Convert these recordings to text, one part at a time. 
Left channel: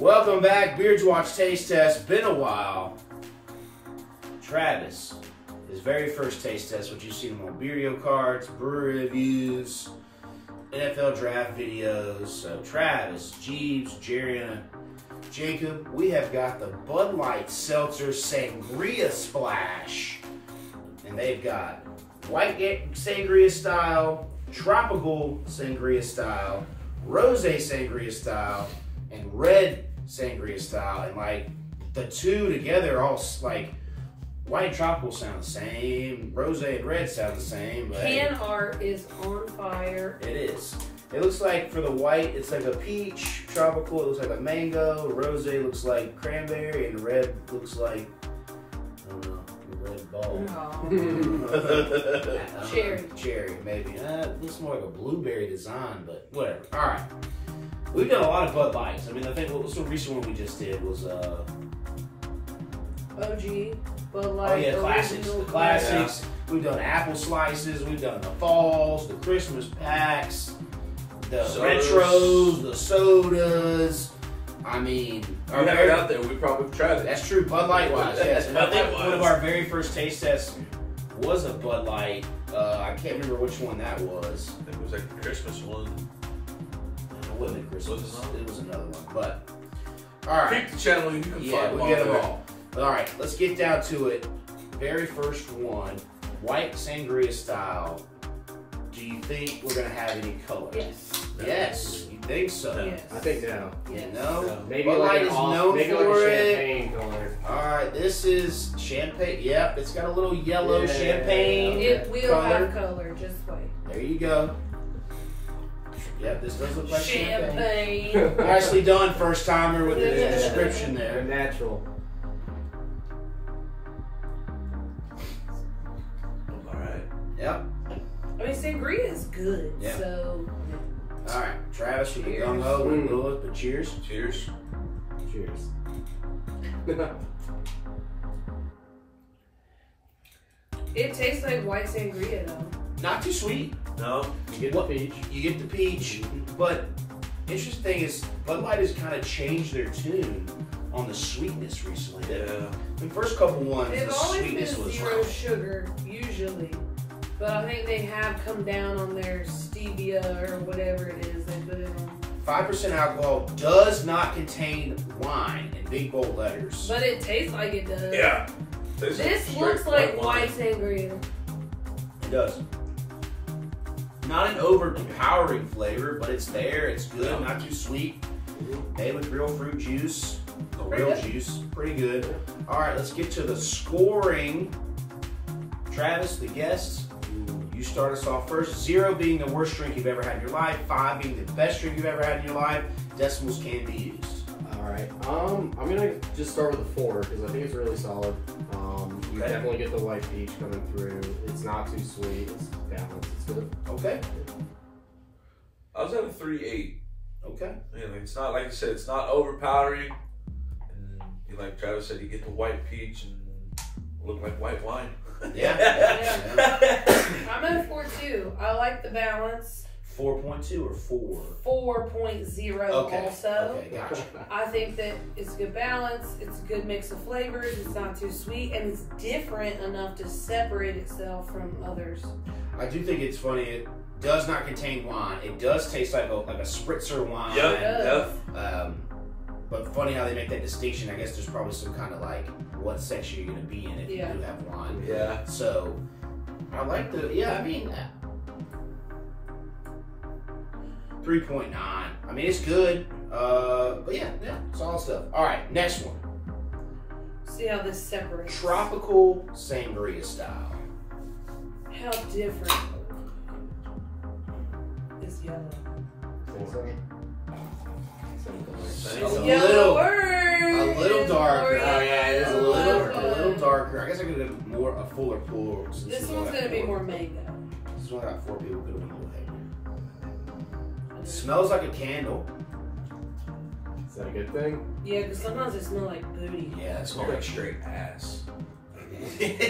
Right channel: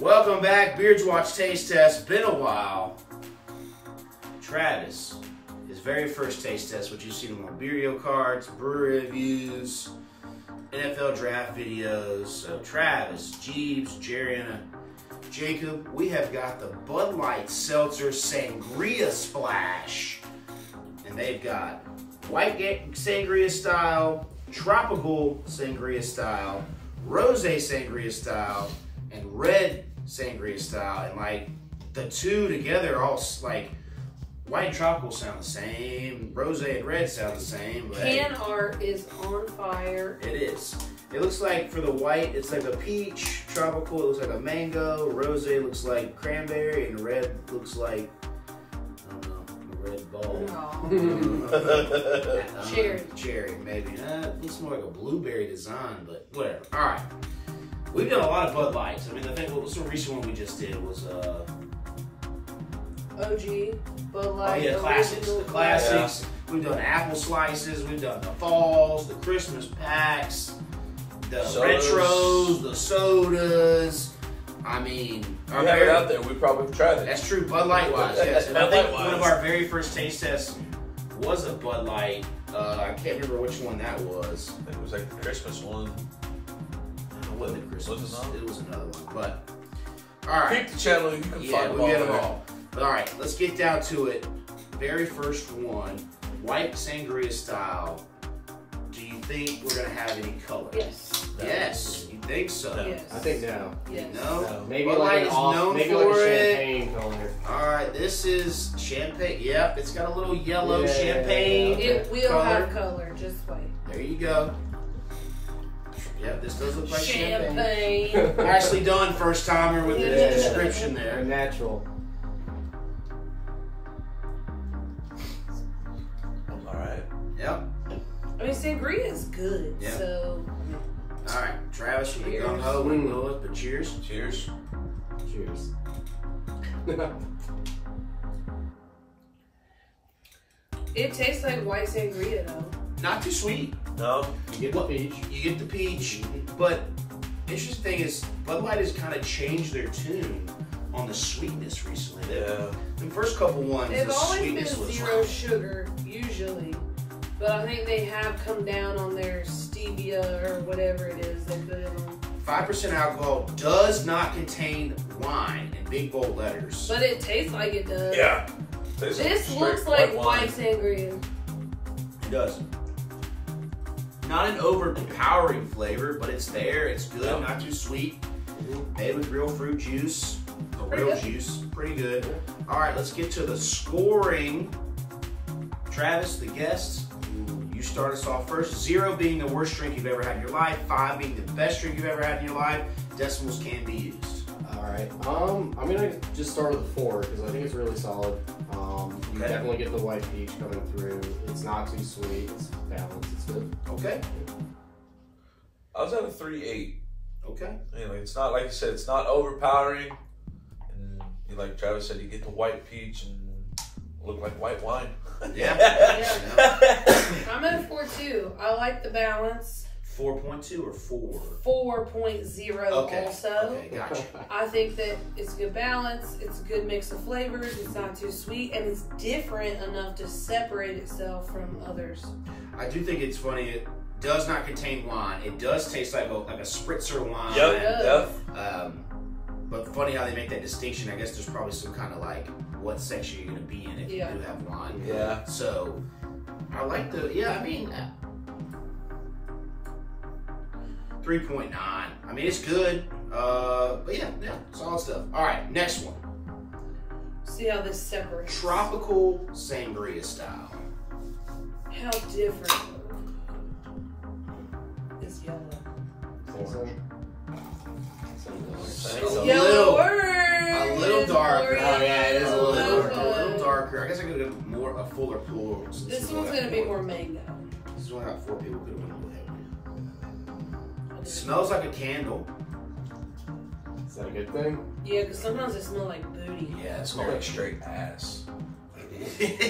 Welcome back, Beards Watch Taste Test. Been a while. Travis, his very first taste test, which you've seen him on Beerio cards, brewery reviews, NFL draft videos. So Travis, Jeeves, Jerry, Jacob, we have got the Bud Light Seltzer Sangria Splash. And they've got white sangria style, tropical sangria style, rosé sangria style, and red sangria style. And like the two together all like white and tropical sound the same, rosé and red sound the same. But can art is on fire. It is. It looks like for the white, it's like a peach. Tropical, it looks like a mango. Rosé looks like cranberry, and red looks like, I don't know, a red ball. Cherry. Cherry, maybe. It looks more like a blueberry design, but whatever. All right. We've done a lot of Bud Lights. I mean, I think the recent one we just did was OG, Bud Light. Oh yeah, classics. The classics. Yeah. We've done apple slices. We've done the falls, the Christmas packs, the Sodas. retros, the sodas. I mean, If you have it out there, we probably tried it. that's true. Bud Light wise, yes. And I Bud think Light-wise. one of our very first taste tests was a Bud Light. I can't remember which one that was. It was like the Christmas one. It wasn't Christmas. Was it not? It was another one. But all right. Peep the channel, you can Yeah, find we get them there. all. But all right, let's get down to it. Very first one, white sangria style. Do you think we're gonna have any color? Yes. Yes, you think so? No. Yes. I think no. Yes. No? No. Maybe Bud like Light an is off, known maybe for like a it. champagne color. All right, this is champagne. Yep, it's got a little yellow Yeah. champagne. It will color. have color. Just wait. There you go. Yep, this does look like champagne. Champagne. Nicely done, first timer with the Yeah. description They're there. natural. Alright. Yep. I mean, sangria is good. Yeah. So. All right, Travis with the Cheers. gung ho. We can go with, but cheers. Cheers. Cheers. It tastes like white sangria though. Not too sweet. No? You get the peach. You get the peach, but interesting thing is Bud Light has kind of changed their tune on the sweetness recently. Yeah. The first couple ones, They've the always been sweetness was 0 sugar usually, but I think they have come down on their stevia or whatever it is they put it on. 5% alcohol, does not contain wine in big bold letters. But it tastes like it does. Yeah. Tastes This straight looks like wine. white sangria. It does. Not an overpowering flavor, but it's there. It's good, Yeah. not too sweet. Made with real fruit juice, a Pretty real good. juice, pretty good. All right, let's get to the scoring. Travis, the guest, you start us off first. 0 being the worst drink you've ever had in your life. 5 being the best drink you've ever had in your life. Decimals can be used. All right. I'm gonna just start with a 4 because I think it's really solid. You Okay. definitely get the white peach coming through. It's not too sweet. It's balanced. It's good. Okay. I was at a 3.8. Okay. You know, it's not, like you said, it's not overpowering. And like Travis said, you get the white peach and look like white wine. Yeah. I'm at a 4.2. I like the balance. 4.2 or 4? 4.0 Okay. also. Okay, gotcha. I think that it's good balance. It's a good mix of flavors. It's not too sweet, and it's different enough to separate itself from others. I do think it's funny. It does not contain wine. It does taste like a spritzer wine. Yep. But funny how they make that distinction. I guess there's probably some kind of like what section you're going to be in if Yeah. you do have wine. Yeah. So I like the, yeah, I mean, 3.9. I mean, it's good. But yeah, solid stuff. All right, next one. See how this separates. Tropical sangria style. How different is yellow. Same Yellow A little darker. Oh yeah, It is a little darker. I guess I could get a fuller pool. since This one one's got gonna be more mango. This one got 4 people. Could have been a little heavier. Smells like a candle. Is that a good thing? Yeah, because sometimes it smells like booty. Yeah, it It's smells like like straight ass.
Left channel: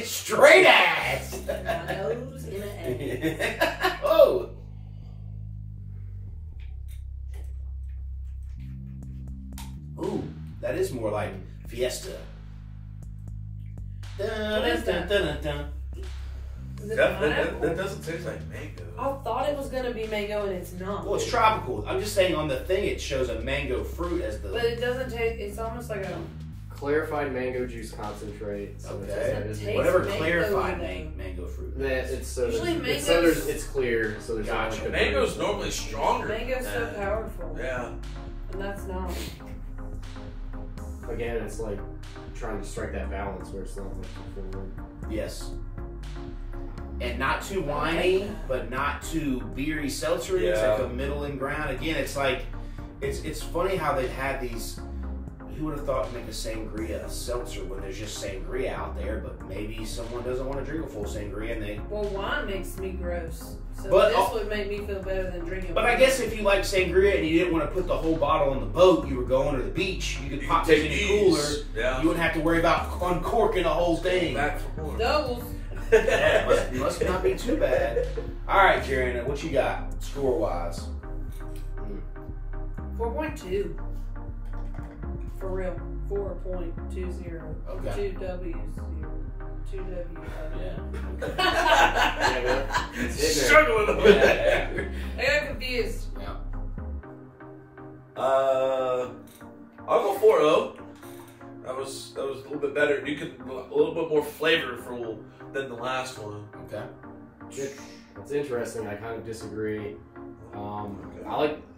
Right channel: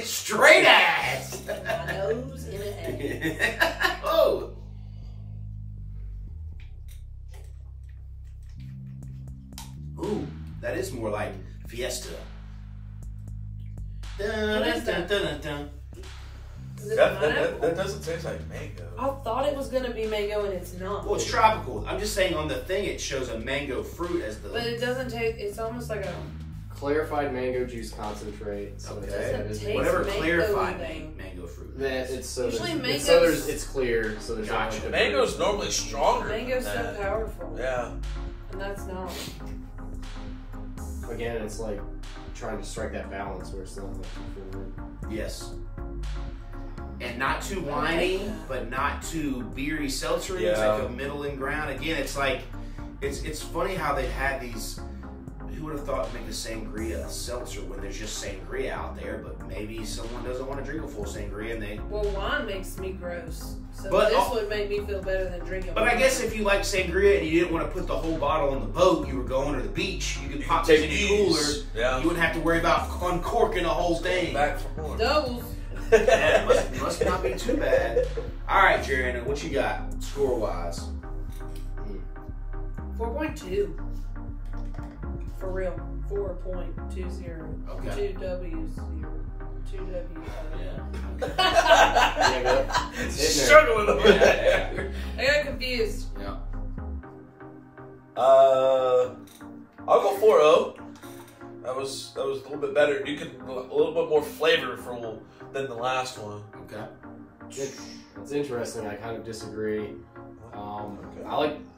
straight ass. My nose in an egg. Oh. Ooh. is more like Fiesta. Dun, What is dun, that? dun, dun, dun. Is it That pineapple? doesn't taste like mango. I thought it was gonna be mango and it's not. Well, it's tropical. I'm just saying on the thing it shows a mango fruit as But the. it doesn't taste. It's almost like a. Clarified mango juice concentrate. So Okay. Doesn't it's, taste Whatever mango clarified though. mango fruit. it's so Usually there's, mangoes- it's clear, so there's not Gotcha. like a Mango's normally stronger. Mango's than so that. powerful, Yeah. and that's not. Again, it's like trying to strike that balance where it's not like too forward. Yes. And not too I winey, like that. but not too beery seltzery. It's Yeah. like a middling ground. Again, it's like it's funny how they've had these. Who would have thought to make a sangria a seltzer when there's just sangria out there? But maybe someone doesn't want to drink a full sangria, and they. Well, wine makes me gross, so But- this would make me feel better than drinking. But I wine. guess if you like sangria and you didn't want to put the whole bottle in the boat, you were going to the beach. You could pop it in a cooler. Yeah. You wouldn't have to worry about uncorking the whole thing. Back for more. doubles. Yeah, must not be too bad. All right, Jerry, what you got score wise? 4.2. For real, 4.20. Okay. 2 W's. 2 W's. Yeah. Struggling over Yeah, there. I got confused. Yeah. I'll go 4-0. That was a little bit better. You could a little bit more flavorful than the last one. Okay. It's interesting. I kind of disagree.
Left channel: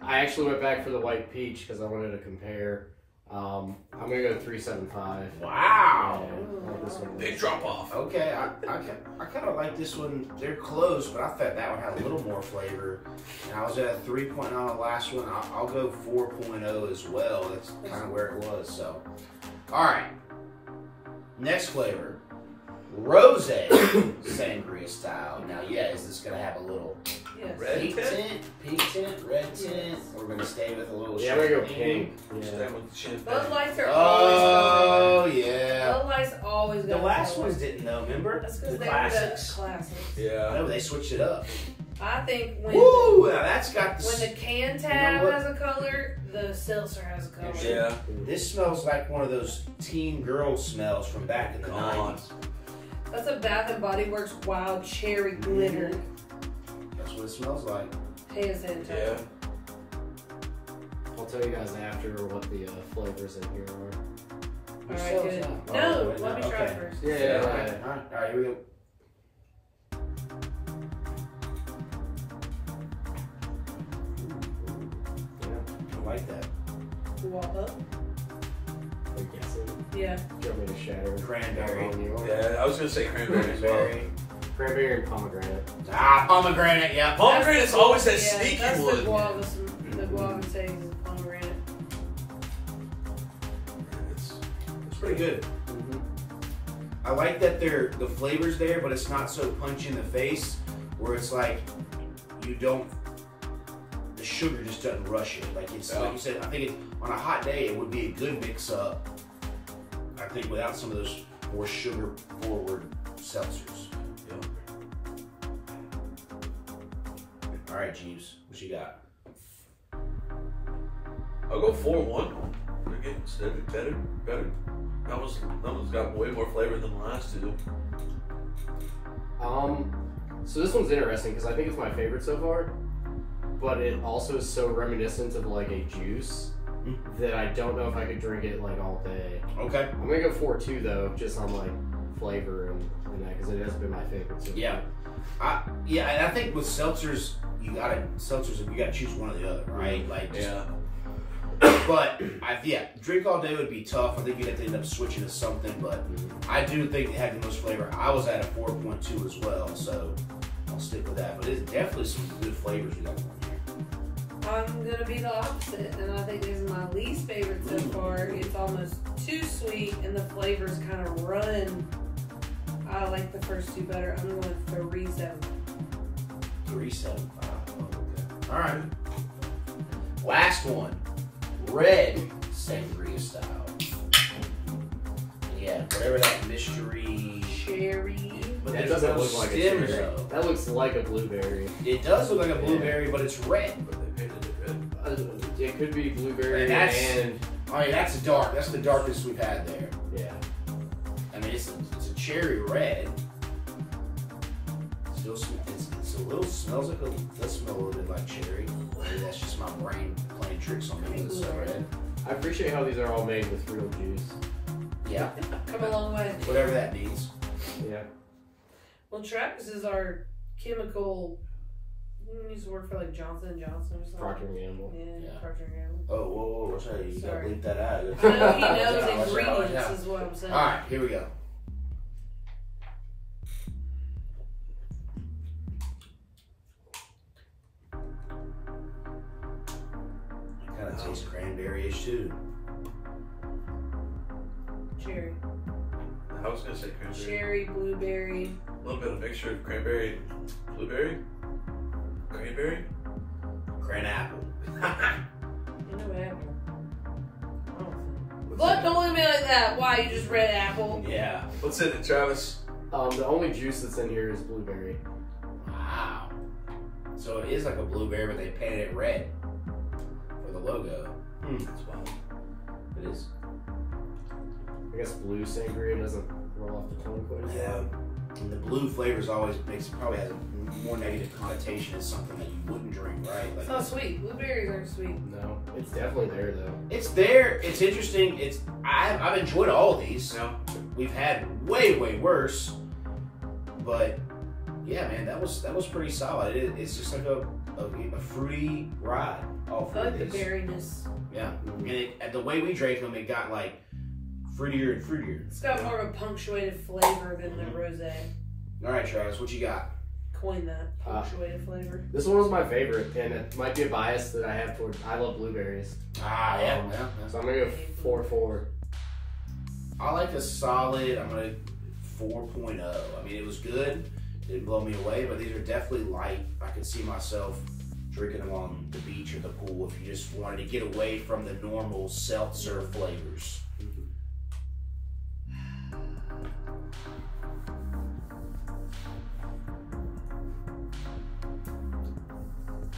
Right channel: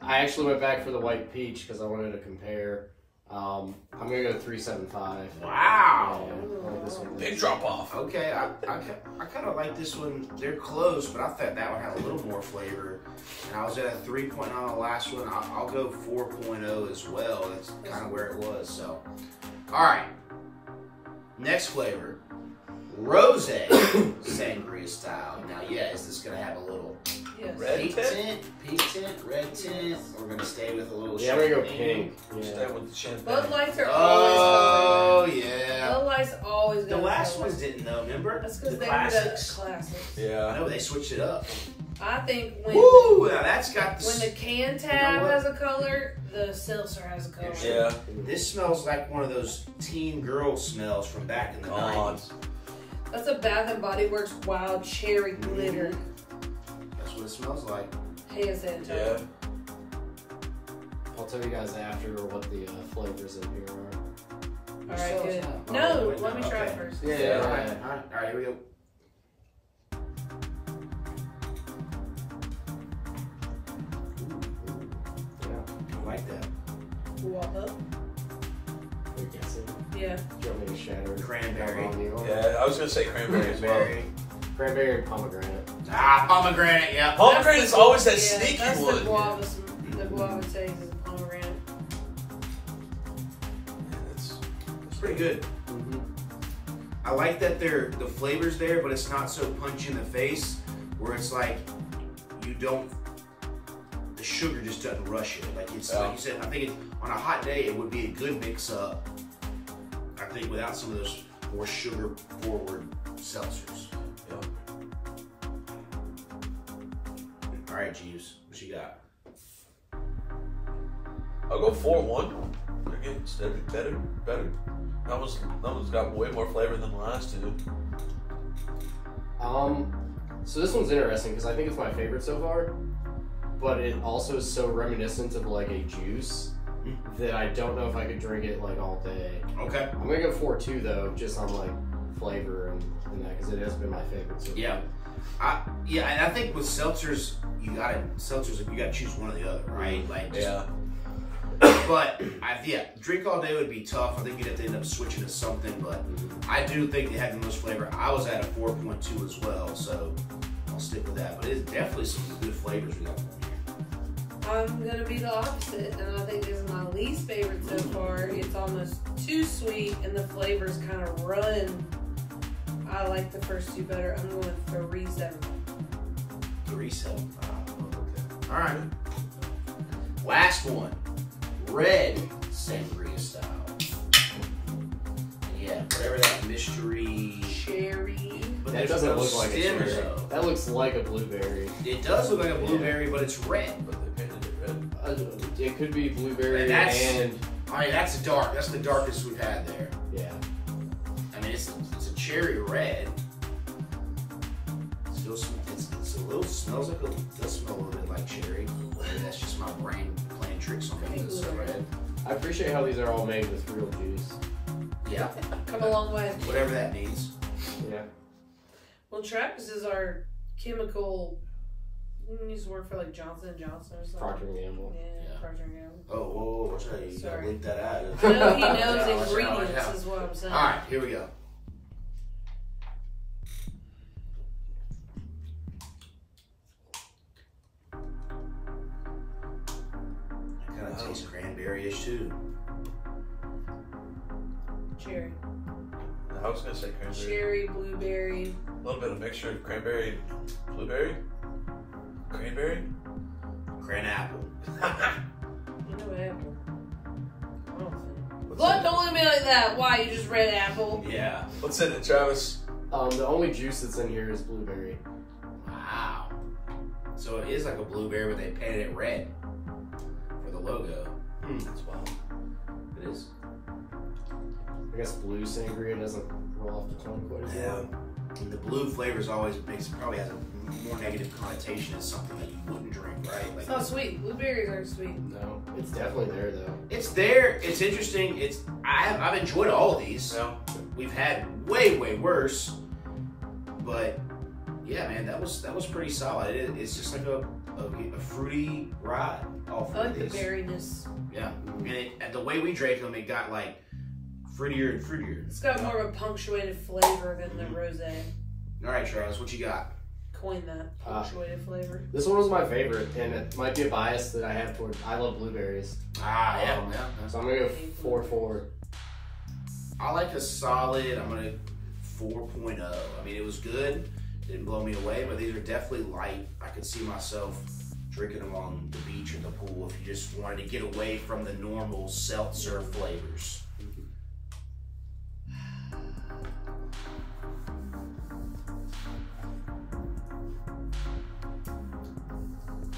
I actually went back for the white peach because I wanted to compare. I'm gonna go 375. Wow. Yeah, I like this one. Big drop off. Okay, I kind of like this one. They're close, but I thought that one had a little more flavor. And I was at a 3.0 on the last one. I'll go 4.0 as well. That's kind of where it was. So, all right. Next flavor, rose sangria style. Now, yeah, is this gonna have a little Yes. Red pink tint, red tint? We're gonna stay with a little. Yeah, I'm gonna go champagne. pink. Stay Yeah. with the champagne. Bud Lights are Oh always yeah. Bud Lights always The got last color. ones didn't though. Remember That's because the they were classics? the classics. I Yeah. know they switched it up. I think when Woo! Now that's got when the can tab has a color, the seltzer has a color. Yeah. This smells like one of those teen girl smells from back in the God. 90s. That's a Bath and Body Works wild cherry glitter. That's what it smells like. Hand sanitizer. Yeah. I'll tell you guys after what the flavors in here are. All right, So good. it's not- No, oh, wait, let me no, try okay. first. Yeah, Yeah, all right, all right, here we go. Yeah. I like that. Walk up. Are you guessing? Yeah. Do you want me to shatter? Cranberry. On you? Yeah. I was gonna say cranberry as well. Cranberry. Cranberry and pomegranate. Ah, pomegranate, yeah. Pomegranate is always that Yeah, sneaky that's one. the guava. The guava taste is pomegranate. It's pretty good. Mm-hmm. I like that the flavor's there, but it's not so punch in the face where it's like you don't. The sugar just doesn't rush it. Like it's like you said. I think on a hot day it would be a good mix up. I think without some of those more sugar forward seltzers. All right, Jeeves, what you got? I'll go 4-1. They're getting steady, better. That one's got way more flavor than the last two. So this one's interesting because I think it's my favorite so far, but it also is so reminiscent of like a juice that I don't know if I could drink it like all day. Okay. I'm gonna go 4.2 though, just on like flavor and that because it has been my favorite. So Yeah. Yeah, and I think with seltzers, you gotta choose one or the other, right? Like, just, Yeah. But drink all day would be tough. I think you'd have to end up switching to something. But I do think they had the most flavor. I was at a 4.2 as well, so I'll stick with that. But it's definitely some good flavors we got going here. I'm gonna be the opposite, and I think this is my least favorite so far. It's almost too sweet, and the flavors kind of run. I like the first two better. I'm going 3.7. 3.75. Okay. All right. Last one. Red sangria style. Yeah, whatever that mystery. Cherry. But that there's doesn't no look like a stem cherry. though. That looks like a blueberry. It does look like a blueberry, but it's red. But they painted it red. It could be blueberry And that's- and I mean, that's dark. That's the darkest we've had there. Yeah. I mean, it's a cherry red. Still, it's a little smells like does smell a little bit like cherry. Maybe that's just my brain playing tricks on me. It's so red. I appreciate how these are all made with real juice. Yeah. Come a long way. Whatever that means. Yeah. Well, Travis is our chemical. Use the word for like Johnson and Johnson or something. Procter & Gamble. Yeah, Procter & Gamble. Oh, whoa, what's that? You gotta Sorry. bleep that out. I know he knows Yeah, watch ingredients, out. is what I'm saying. All right, here we go. It kind of tastes cranberry-ish too. Cherry. I was gonna say cranberry. Cherry, blueberry. A little bit of mixture of cranberry and blueberry. Cranberry? Cran apple. You know apple. I don't think. Look, don't look at me like that. Why? You just read apple. Yeah. What's in it, Travis? The only juice that's in here is blueberry. Wow. So it is like a blueberry, but they painted it red for the logo. That's wild. It is. I guess blue sangria doesn't roll off the tongue quite as well. And the blue flavors always probably has a more negative connotation as something that you wouldn't drink, right? Like It's not sweet. Blueberries aren't sweet. No, it's definitely there though. it's there. It's interesting. I've enjoyed all of these. No. We've had way worse, but yeah, man, that was pretty solid. It's just like a fruity ride. All I like the these. berryness. Yeah, and the way we drank them, it got like fruitier and fruitier. It's got more of a punctuated flavor than the rosé. All right, Travis, what you got? Coin that punctuated flavor. This one was my favorite, and it might be a bias that I have toward. I love blueberries. Ah, yeah. So I'm gonna go 4-4. I like a solid. I'm gonna 4.0. I mean, it was good. Didn't blow me away, but these are definitely light. I could see myself drinking them on the beach or the pool if you just wanted to get away from the normal seltzer flavors.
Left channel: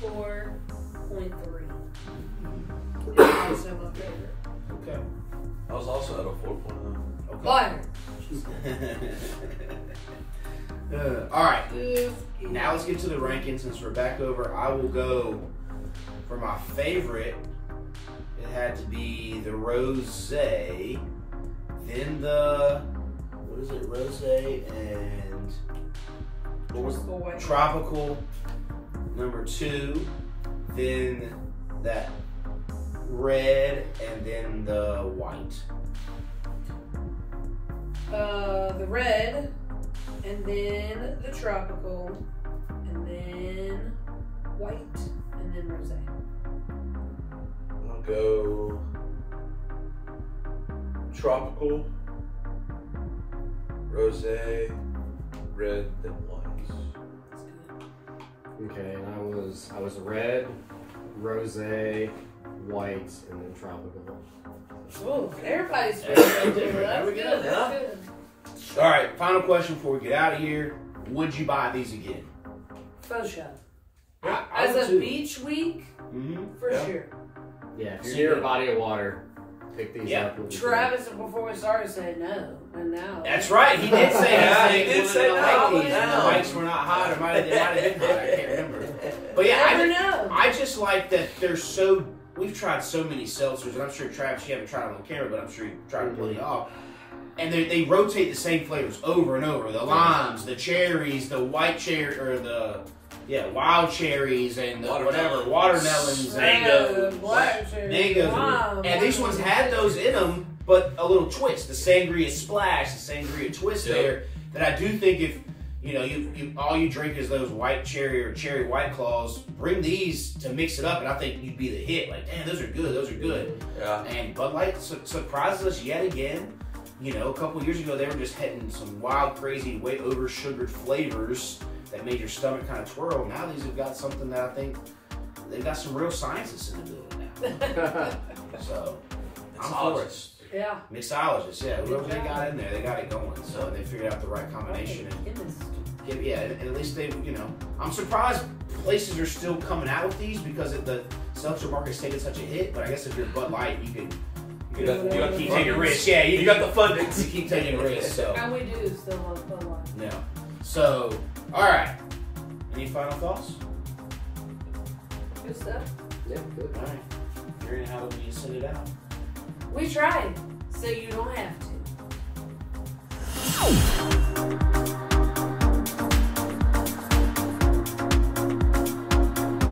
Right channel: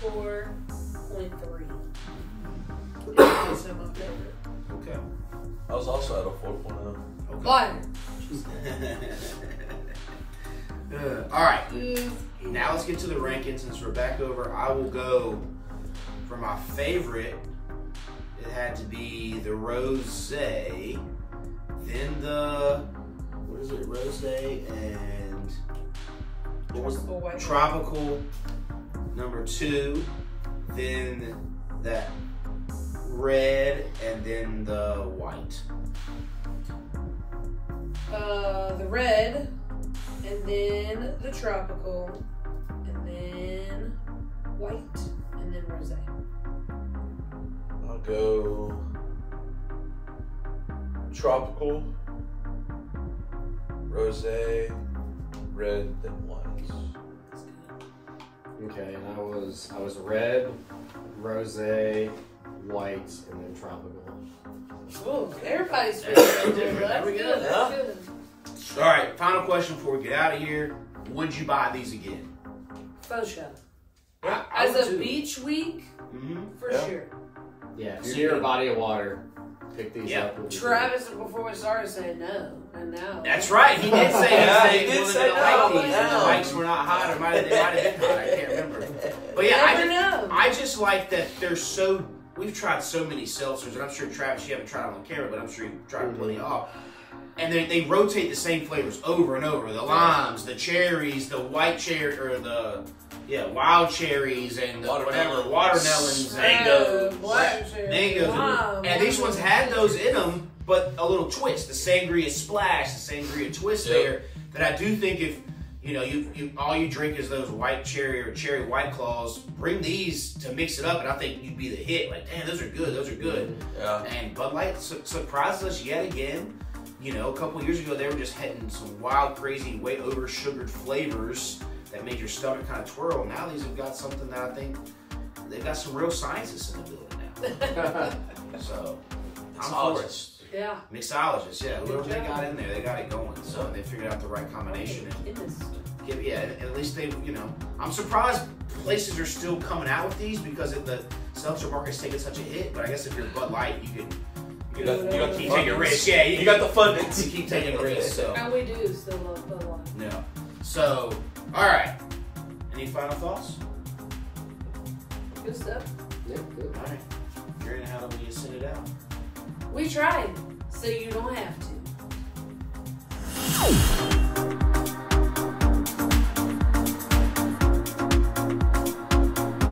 4.3. It's also my favorite. Okay. I was also at a 4.0. Okay. Liar. All right. Now let's get to the rankings. Since we're back over, I will go for my favorite. It had to be the rosé, then the what is it? Rosé and what was Tropical white. tropical number 2, then that red, and then the white. The red, and then the tropical, and then white, and then rosé. I'll go tropical, rosé, red, then white. Okay, and I was red, rosé, white, and then tropical. Oh, everybody's That's favorite. different. That's There we good. go. That's good. All right. Final question before we get out of here: would you buy these again? Faux show. I As would a too. beach week, for Yeah. sure. Yeah, if So you're near you- a body of water, pick these Yeah. up. It'll be Travis, before we started, said no, and now. That's right. He did say Yeah, he he did wasn't say gonna like no, these. but The now- mics were not hot, or they might have been hot. I can't remember. But yeah, Never know. I just like that they're so. We've tried so many seltzers, and I'm sure Travis, you haven't tried them on camera, but I'm sure you've tried plenty off. And they rotate the same flavors over and over. The limes, the cherries, the white cherry, or the wild cherries, and the Watermelon. watermelons, and Mango, black cherry, mangoes. lime, And these ones had those in them, but a little twist. The sangria splash, the sangria twist Yep. there. That I do think if you all you drink is those white cherry or cherry white claws, bring these to mix it up, and I think you'd be the hit. Like, damn, those are good. Those are good. Yeah. And Bud Light surprises us yet again. You know, a couple years ago, they were just hitting some wild, crazy, way over sugared flavors that made your stomach kind of twirl. Now these have got something that I think they've got some real scientists in the building now. So I'm for it. Yeah. Mixologists, yeah. Whoever they got in there, they got it going. So they figured out the right combination. And at least they, I'm surprised places are still coming out with these because the seltzer market's taking such a hit. But I guess if you're Bud Light, you could You got the You take a risk, yeah. You got the funding. You keep taking risks, so. And we do still love Bud Light. No. So, alright. Any final thoughts? Good stuff. Yeah, good. Alright. Jarian, how do you send it out? We tried, so you don't have to.